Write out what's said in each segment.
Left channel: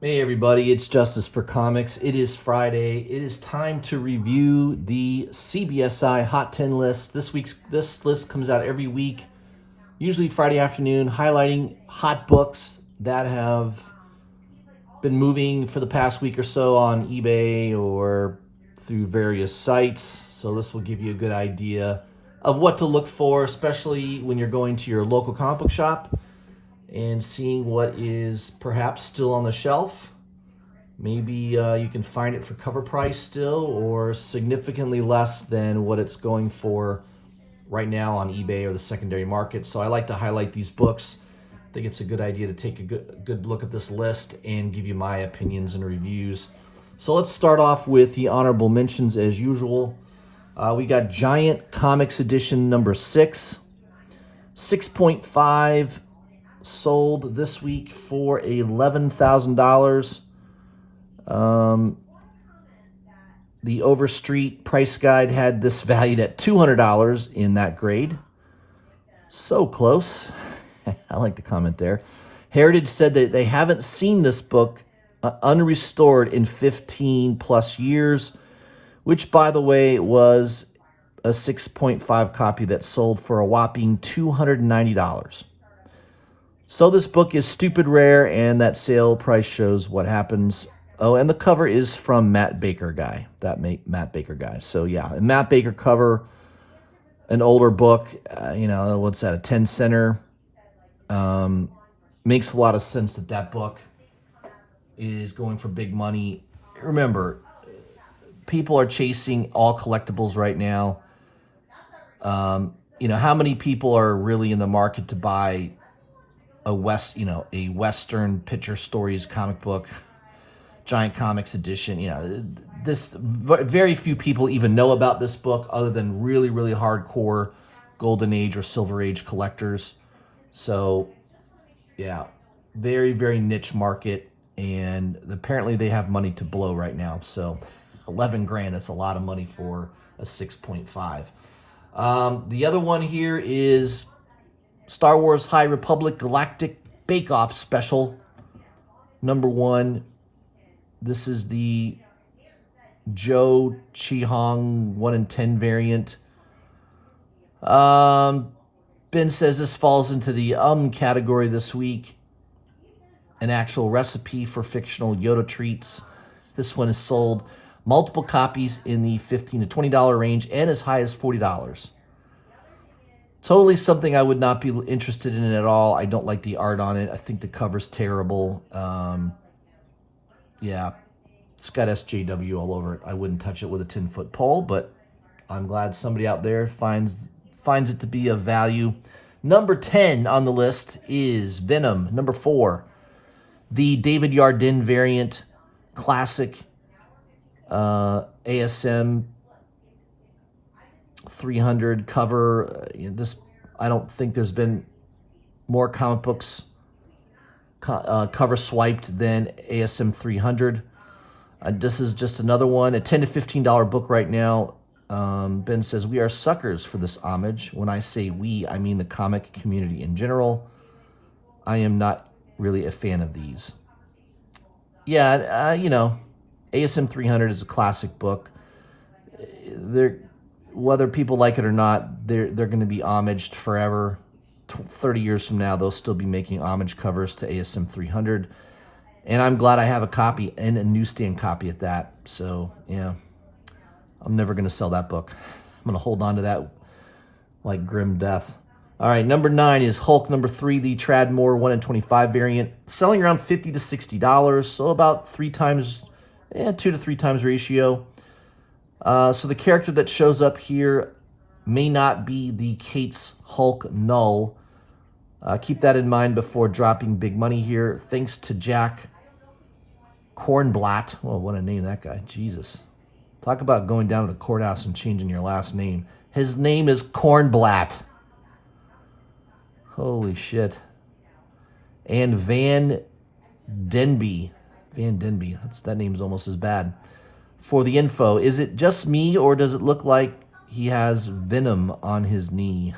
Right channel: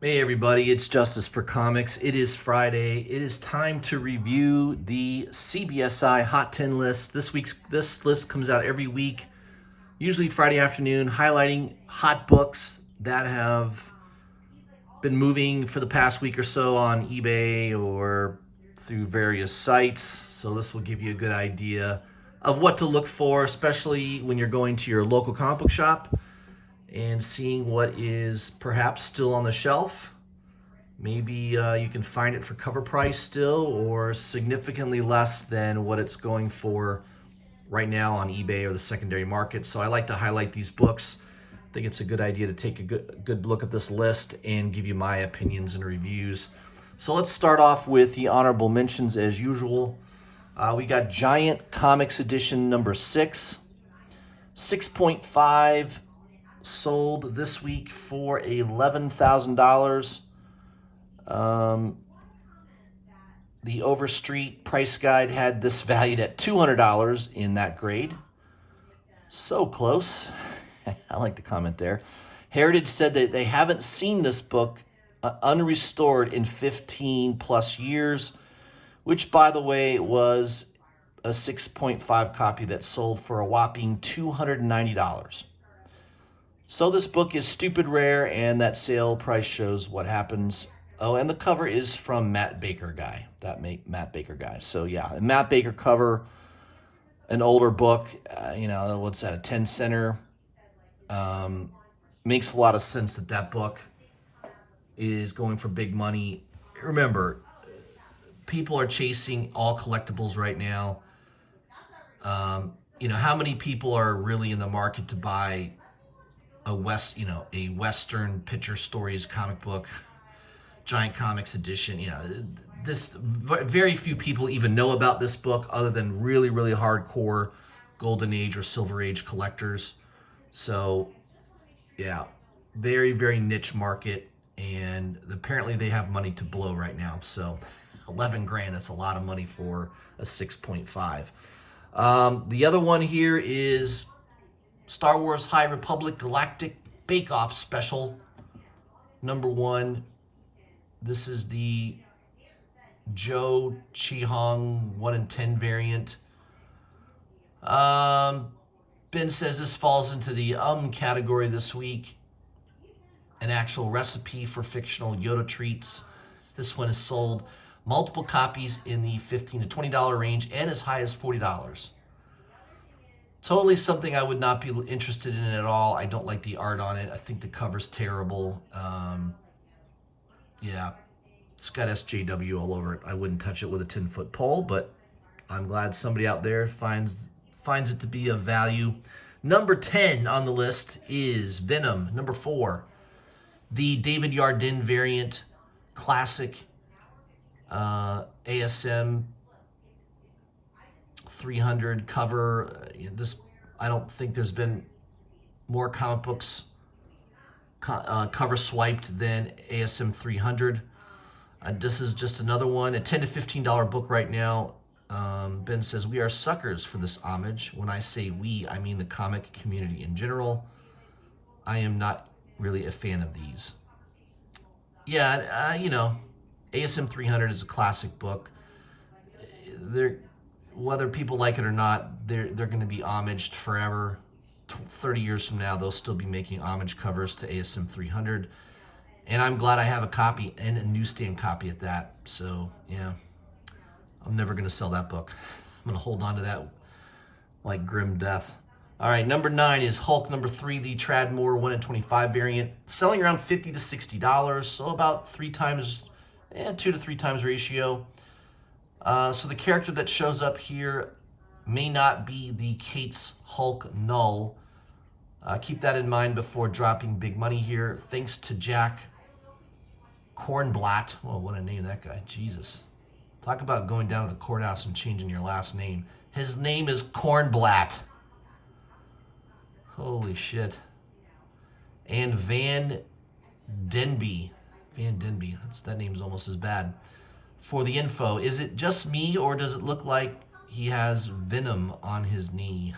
Hey everybody, it's Justice for Comics. It is Friday. It is time to review the CBSI Hot 10 list. This list comes out every week, usually Friday afternoon, highlighting hot books that have been moving for the past week or so on eBay or through various sites. So this will give you a good idea of what to look for, especially when you're going to your local comic book shop and seeing what is perhaps still on the shelf. Maybe you can find it for cover price still or significantly less than what it's going for right now on eBay or the secondary market. So I like to highlight these books. I think it's a good idea to take a good look at this list and give you my opinions and reviews. So let's start off with the honorable mentions as usual. We got Giant Comics Edition number 6. 6.5 sold this week for $11,000. The Overstreet price guide had this valued at $200 in that grade. So close. I like the comment there. Heritage said that they haven't seen this book unrestored in 15 plus years, which, by the way, was a 6.5 copy that sold for a whopping $290. So this book is stupid rare, and that sale price shows what happens. Oh, and the cover is from Matt Baker guy. Matt Baker guy. So yeah, a Matt Baker cover, an older book. What's that? A 10 center. Makes a lot of sense that book is going for big money. Remember, people are chasing all collectibles right now. How many people are really in the market to buy a Western Picture Stories comic book, Giant Comics edition? This very few people even know about this book other than really, really hardcore Golden Age or Silver Age collectors. So, yeah, very, very niche market, and apparently they have money to blow right now. So, 11 grand, that's a lot of money for a 6.5. The other one here is Star Wars High Republic Galactic Bake Off Special number 1. This is the Joe Chi-Hong 1 in 10 variant. Ben says this falls into the category this week. An actual recipe for fictional Yoda treats. This one is sold multiple copies in the $15 to $20 range and as high as $40. Totally something I would not be interested in at all. I don't like the art on it. I think the cover's terrible. Yeah, it's got SJW all over it. I wouldn't touch it with a 10-foot pole, but I'm glad somebody out there finds it to be of value. Number 10 on the list is Venom. Number 4, the David Yardin variant, classic ASM 300 cover. I don't think there's been more comic books cover swiped than ASM 300. This is just another one, a $10 to $15 book right now. Ben says, we are suckers for this homage. When I say we, I mean the comic community in general. I am not really a fan of these. Yeah, ASM 300 is a classic book. Whether people like it or not, they're going to be homaged forever. 30 years from now, they'll still be making homage covers to ASM 300. And I'm glad I have a copy, and a newsstand copy at that. So, yeah, I'm never going to sell that book. I'm going to hold on to that like grim death. All right, number 9 is Hulk number 3, the Tradmore 1 in 25 variant, selling around $50 to $60, so about 2 to 3 times ratio. So the character that shows up here may not be the Kate's Hulk Null. Keep that in mind before dropping big money here. Thanks to Jack Kornblatt. Well, what a name that guy. Jesus. Talk about going down to the courthouse and changing your last name. His name is Kornblatt. Holy shit. And Van Denby. That name's almost as bad. For the info, is it just me or does it look like he has venom on his knee?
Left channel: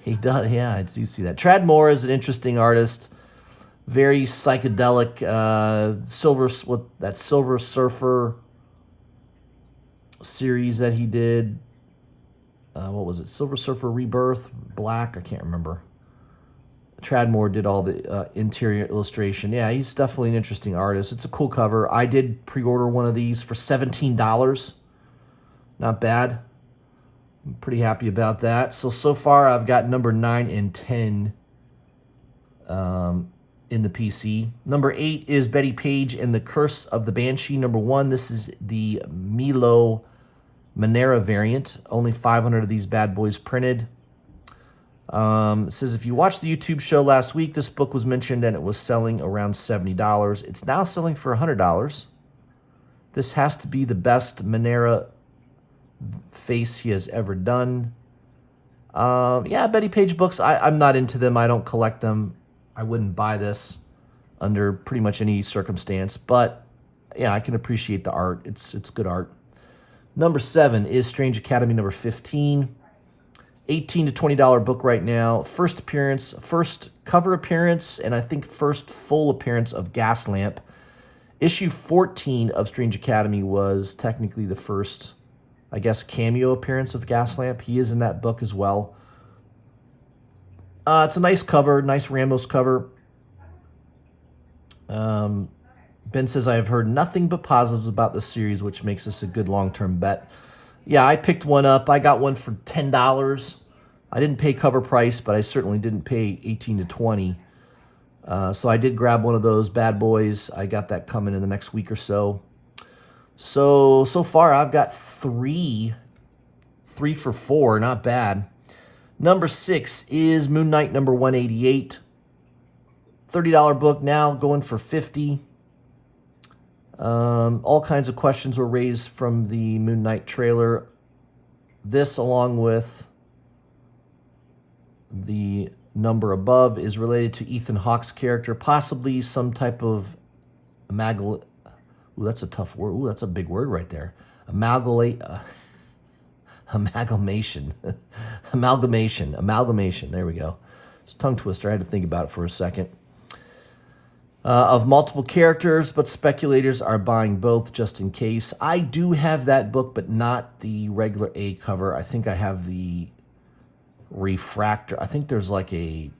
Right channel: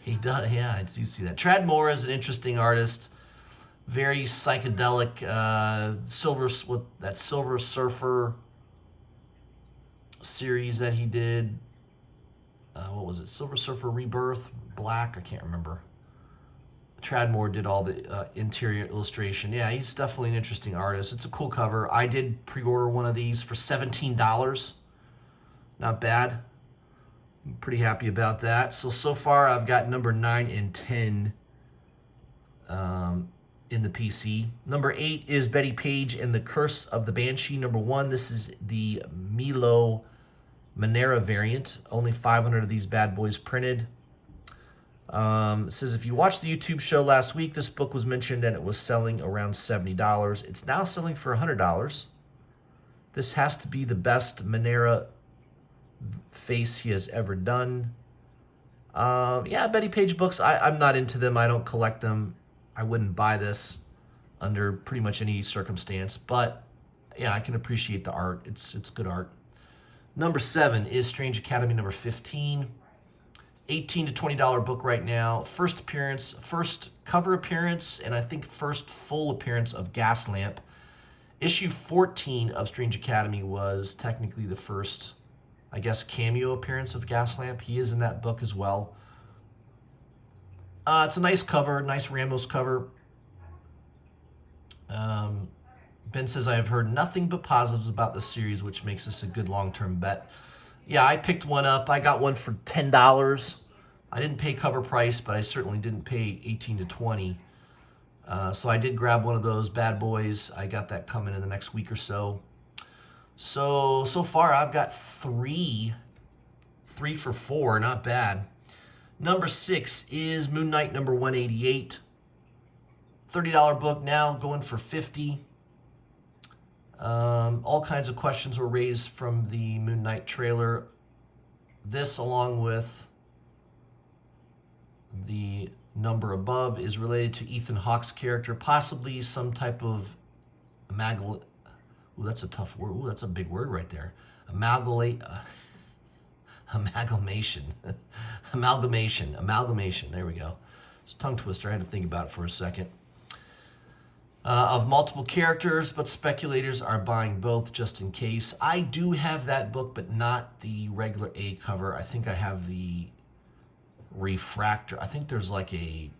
He does, yeah, I do see that. Tradmore is an interesting artist. very psychedelic Silver Surfer series that he did. What was it? Silver Surfer Rebirth, Black. I can't remember. Tradmore did all the interior illustration. Yeah, he's definitely an interesting artist. It's a cool cover. I did pre-order one of these for $17. Not bad. I'm pretty happy about that. So far I've got number 9 and 10 in the PC. Number 8 is Betty Page and the Curse of the Banshee. Number 1, this is the Milo Manera variant. Only 500 of these bad boys printed. It says, if you watched the YouTube show last week, this book was mentioned and it was selling around $70. It's now selling for $100. This has to be the best Manera face he has ever done. Yeah, Betty Page books, I'm not into them. I don't collect them. I wouldn't buy this under pretty much any circumstance. But yeah, I can appreciate the art. It's good art. Number 7 is Strange Academy number 15. $18 to $20 book right now. First appearance, first cover appearance, and I think first full appearance of Gaslamp. Issue 14 of Strange Academy was technically the first, I guess, cameo appearance of Gaslamp. He is in that book as well. It's a nice cover, nice Ramos cover. Ben says, I have heard nothing but positives about this series, which makes this a good long-term bet. Yeah, I picked one up. I got one for $10. I didn't pay cover price, but I certainly didn't pay $18 to $20. So I did grab one of those bad boys. I got that coming in the next week or so. So far I've got three for $4, not bad. Number 6 is Moon Knight number 188. $30 book now, going for $50. All kinds of questions were raised from the Moon Knight trailer. This, along with the number above, is related to Ethan Hawke's character, possibly some type of Ooh, that's a tough word. Ooh, that's a big word right there. Amalgamation. Amalgamation. There we go. It's a tongue twister. I had to think about it for a second. Of multiple characters, but speculators are buying both just in case. I do have that book, but not the regular A cover. I think I have the refractor. I think there's like a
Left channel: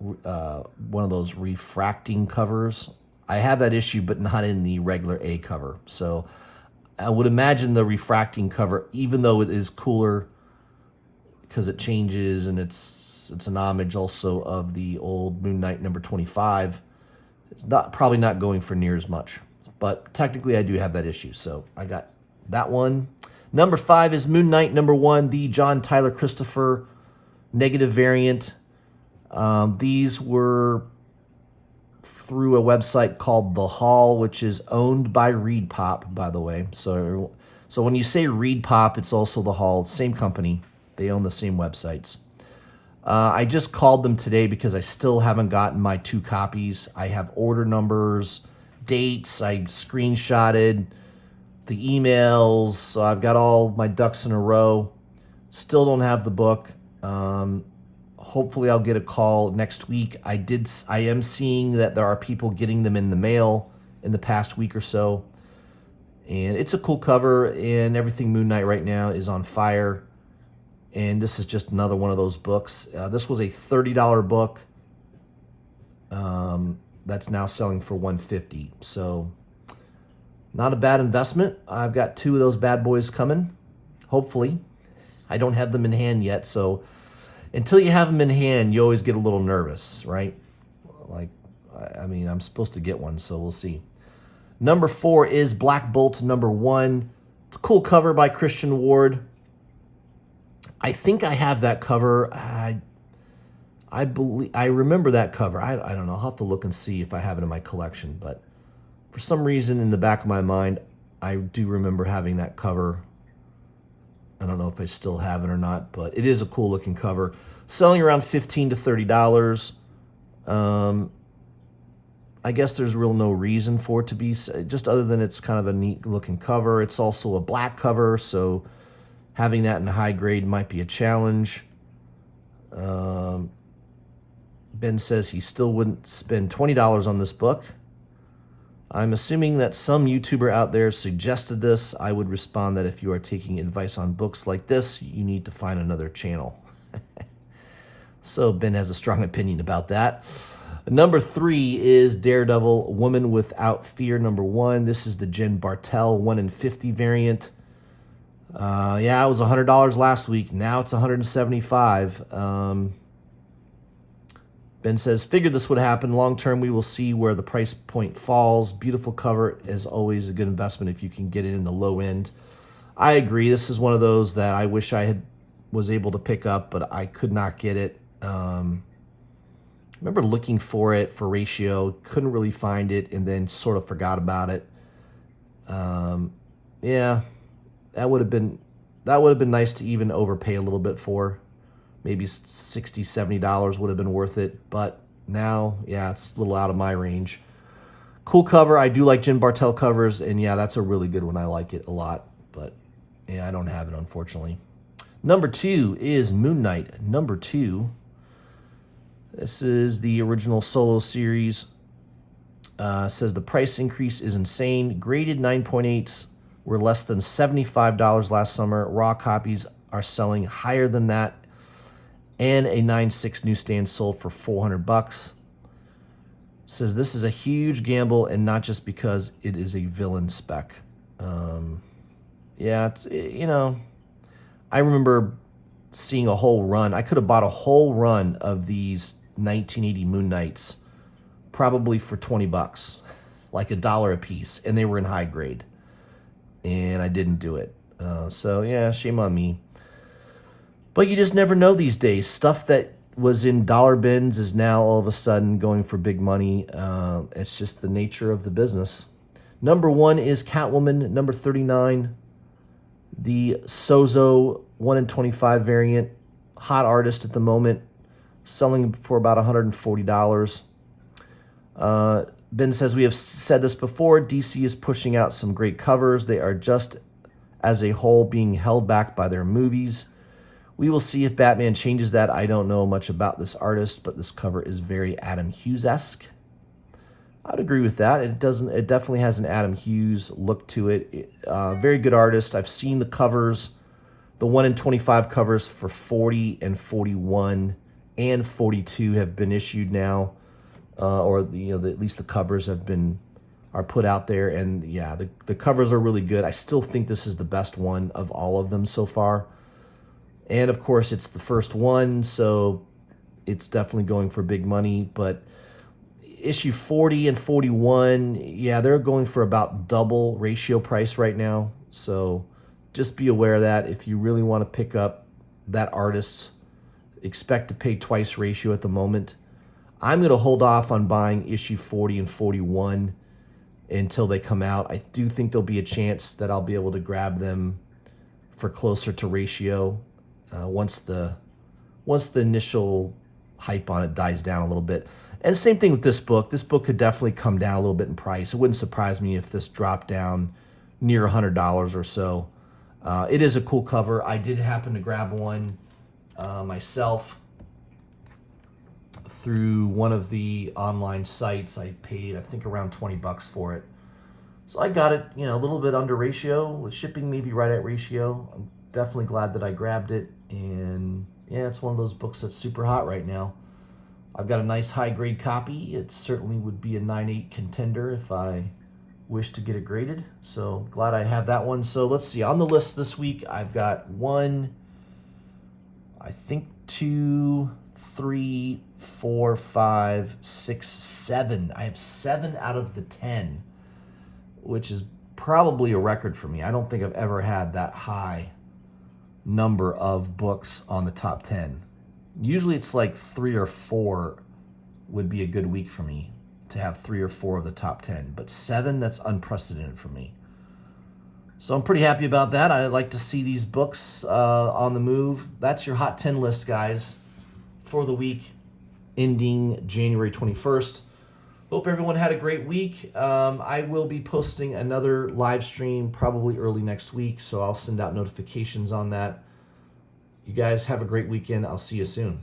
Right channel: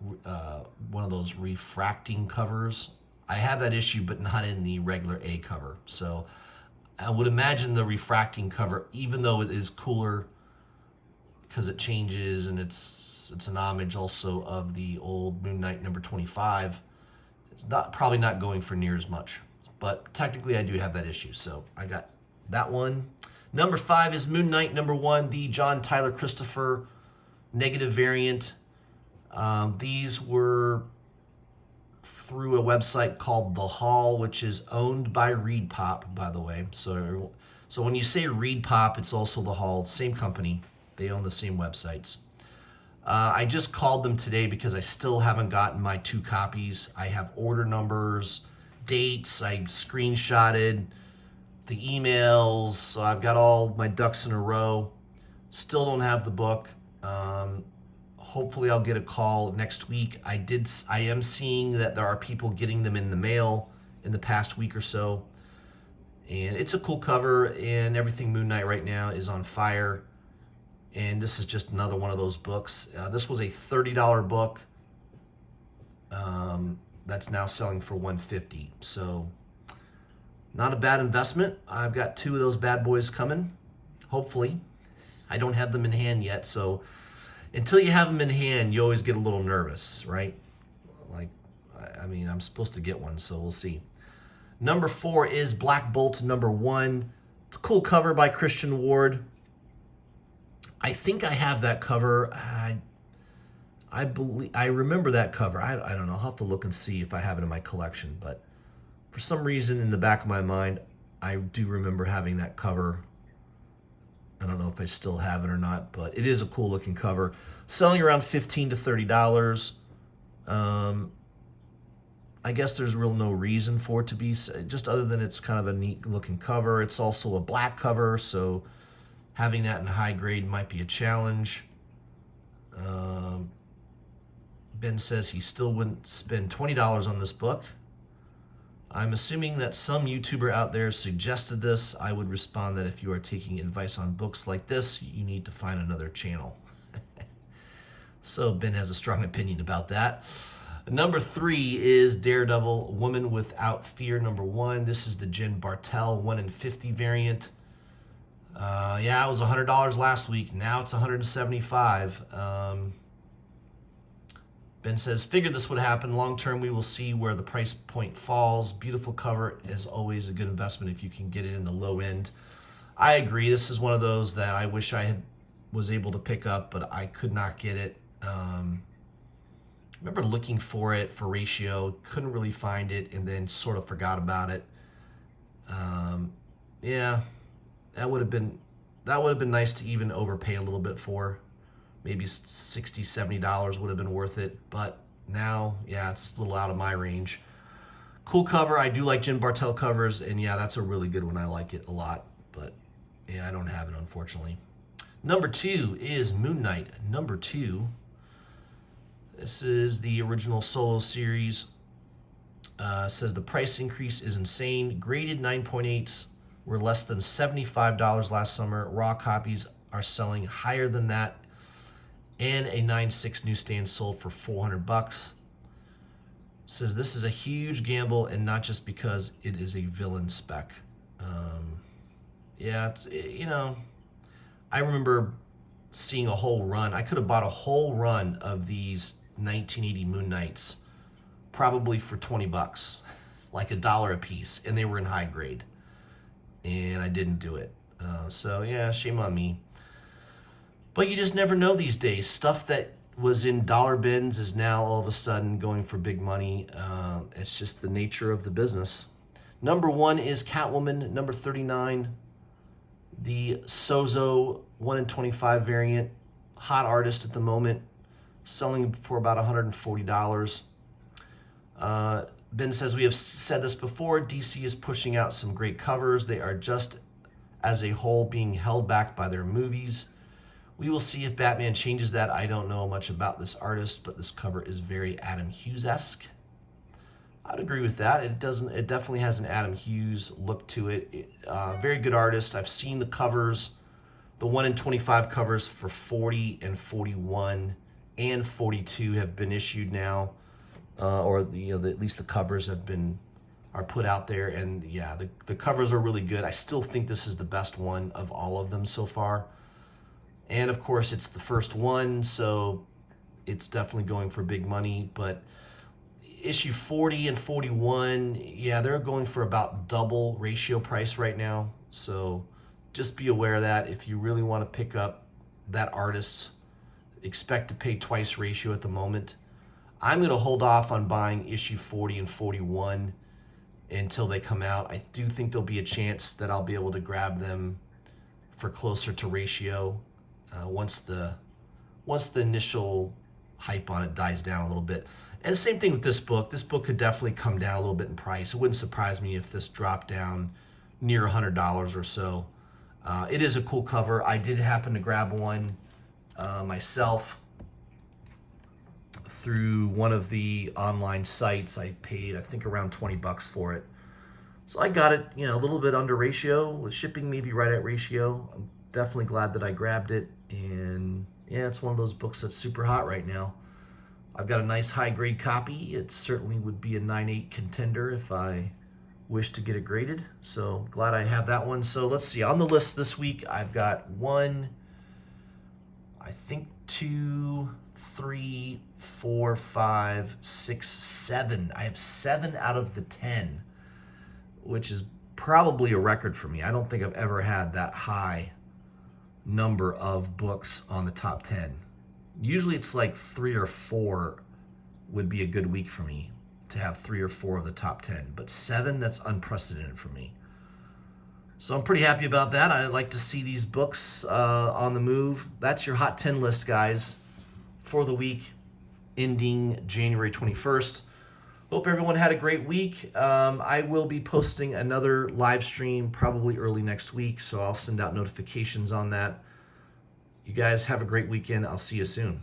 one of those refracting covers. I have that issue, but not in the regular A cover. So I would imagine the refracting cover, even though it is cooler because it changes and it's an homage also of the old Moon Knight number 25. It's probably not going for near as much, but technically I do have that issue, so I got that one. Number 5 is Moon Knight number 1, the John Tyler Christopher negative variant. These were through a website called The Hall, which is owned by Reed Pop, by the way. So when you say Reed Pop, it's also The Hall, same company. They own the same websites. I just called them today because I still haven't gotten my 2 copies. I have order numbers, dates, I screenshotted the emails, so I've got all my ducks in a row. Still don't have the book. Hopefully I'll get a call next week. I am seeing that there are people getting them in the mail in the past week or so. And it's a cool cover, and everything Moon Knight right now is on fire. And this is just another one of those books. This was a $30 book that's now selling for $150. So not a bad investment. I've got 2 of those bad boys coming, hopefully. I don't have them in hand yet, so until you have them in hand, you always get a little nervous, right? Like, I mean, I'm supposed to get one, so we'll see. Number 4 is Black Bolt number 1. It's a cool cover by Christian Ward. I think I have that cover. I believe I remember that cover. I don't know. I'll have to look and see if I have it in my collection, but for some reason in the back of my mind, I do remember having that cover. I don't know if I still have it or not, but it is a cool looking cover. Selling around $15 to $30. I guess there's real no reason for it to be, just other than it's kind of a neat looking cover. It's also a black cover, so having that in high grade might be a challenge. Ben says he still wouldn't spend $20 on this book. I'm assuming that some YouTuber out there suggested this. I would respond that if you are taking advice on books like this, you need to find another channel. So Ben has a strong opinion about that. Number 3 is Daredevil, Woman Without Fear, number 1. This is the Jen Bartel 1 in 50 variant. Yeah, it was $100 last week. Now it's $175. Ben says, figured this would happen. Long term, we will see where the price point falls. Beautiful cover is always a good investment if you can get it in the low end. I agree. This is one of those that I wish I was able to pick up, but I could not get it. Remember looking for it for ratio, couldn't really find it, and then sort of forgot about it. Yeah, that would have been nice to even overpay a little bit for. Maybe $60, $70 would have been worth it, but now, yeah, it's a little out of my range. Cool cover. I do like Jen Bartel covers, and yeah, that's a really good one. I like it a lot, but yeah, I don't have it, unfortunately. Number 2 is Moon Knight, number 2. This is the original solo series. Says the price increase is insane. Graded 9.8s were less than $75 last summer. Raw copies are selling higher than that. And a 9.6 newsstand sold for $400. Says this is a huge gamble, and not just because it is a villain spec. Yeah, it's, you know, I remember seeing a whole run. I could have bought a whole run of these 1980 Moon Knights, probably for $20, like $1 a piece, and they were in high grade, and I didn't do it. So yeah, shame on me. But you just never know these days. Stuff that was in dollar bins is now all of a sudden going for big money. It's just the nature of the business. Number 1 is Catwoman, number 39. The Sozo 1 in 25 variant. Hot artist at the moment. Selling for about $140. Ben says, we have said this before. DC is pushing out some great covers. They are just, as a whole, being held back by their movies. We will see if Batman changes that. I don't know much about this artist, but this cover is very Adam Hughes-esque. I'd agree with that. It definitely has an Adam Hughes look to it. Very good artist. I've seen the covers, the 1 in 25 covers for 40 and 41 and 42 have been issued now, or at least the covers are put out there, and yeah, the covers are really good. I still think this is the best one of all of them so far. And of course, it's the first one, so it's definitely going for big money. But issue 40 and 41, yeah, they're going for about double ratio price right now. So just be aware of that. If you really want to pick up that artist, expect to pay twice ratio at the moment. I'm going to hold off on buying issue 40 and 41 until they come out. I do think there'll be a chance that I'll be able to grab them for closer to ratio. Once the initial hype on it dies down a little bit. And same thing with this book. This book could definitely come down a little bit in price. It wouldn't surprise me if this dropped down near $100 or so. It is a cool cover. I did happen to grab one myself through one of the online sites. I paid, I think, around $20 for it. So I got it, a little bit under ratio, with shipping maybe right at ratio. I'm definitely glad that I grabbed it. And yeah, it's one of those books that's super hot right now. I've got a nice high-grade copy. It certainly would be a 9.8 contender if I wish to get it graded. So glad I have that one. So let's see. On the list this week, I've got 1, I think 2, 3, 4, 5, 6, 7. I have 7 out of the 10, which is probably a record for me. I don't think I've ever had that high number of books on the top 10. Usually it's like 3 or 4 would be a good week for me to have 3 or 4 of the top 10, but 7, that's unprecedented for me. So I'm pretty happy about that. I like to see these books on the move. That's your Hot 10 list, guys, for the week ending January 21st. Hope everyone had a great week. I will be posting another live stream probably early next week, so I'll send out notifications on that. You guys have a great weekend. I'll see you soon.